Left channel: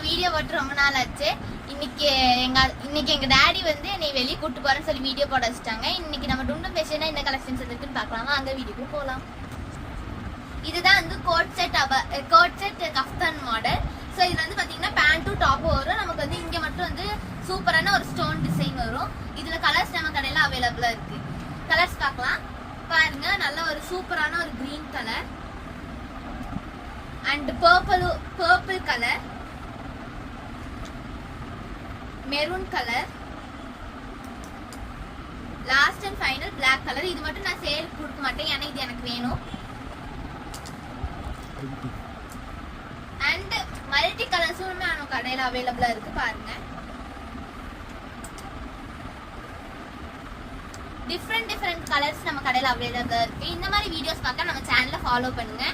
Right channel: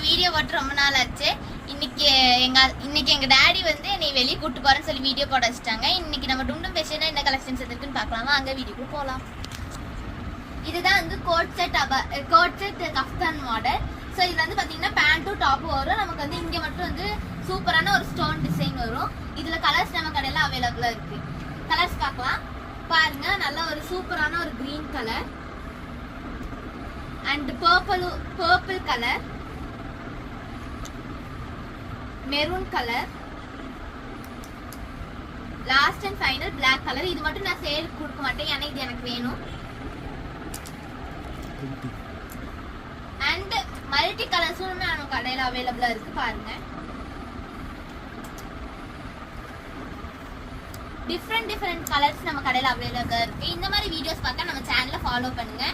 நான் வீடியோ போட்டு ரொம்ப நாள் ஆச்சு. இன்னைக்கு எங்க டாடி வந்து என்னை வெளியே கூட்டு போறேன்னு சொல்லி வீடியோ போட வச்சுட்டாங்க. இன்னைக்கு நம்ம டும்டும் பேசினா என்ன கலெக்ஷன்ஸ் இருக்குன்னு பார்க்கலாமா? அங்க வீடியோக்கு போகலாம். இதுதான் வந்து coat set kaftan model. So இது வந்து பாத்தீங்கன்னா பேண்ட்டும் டாப்பும் வரும். நமக்கு வந்து இங்க மட்டும் வந்து சூப்பரான ஒரு ஸ்டோன் டிசைன் வரும். இதுல கலர்ஸ் நம்ம கடையில அவைலபிளா இருக்கு. கலர்ஸ் பார்க்கலாம் பாருங்க. நல்ல ஒரு சூப்பரான ஒரு green colour and purple colour, maroon colour, last and final black colour. இது மட்டும் நான் சேல் கொடுக்க மாட்டேன், ஏன்னா இது எனக்கு வேணும். அண்ட் மல்டி கலர்ஸும் நம்ம கடையில் அவைலபிளா இருக்கு பாருங்க. டிஃப்ரெண்ட் கலர்ஸ் நம்ம கடையில் அவைலபிளா இருக்கு. இந்த மாதிரி வீடியோஸ் பார்க்க நம்ம சேனலை ஃபாலோ பண்ணுங்க.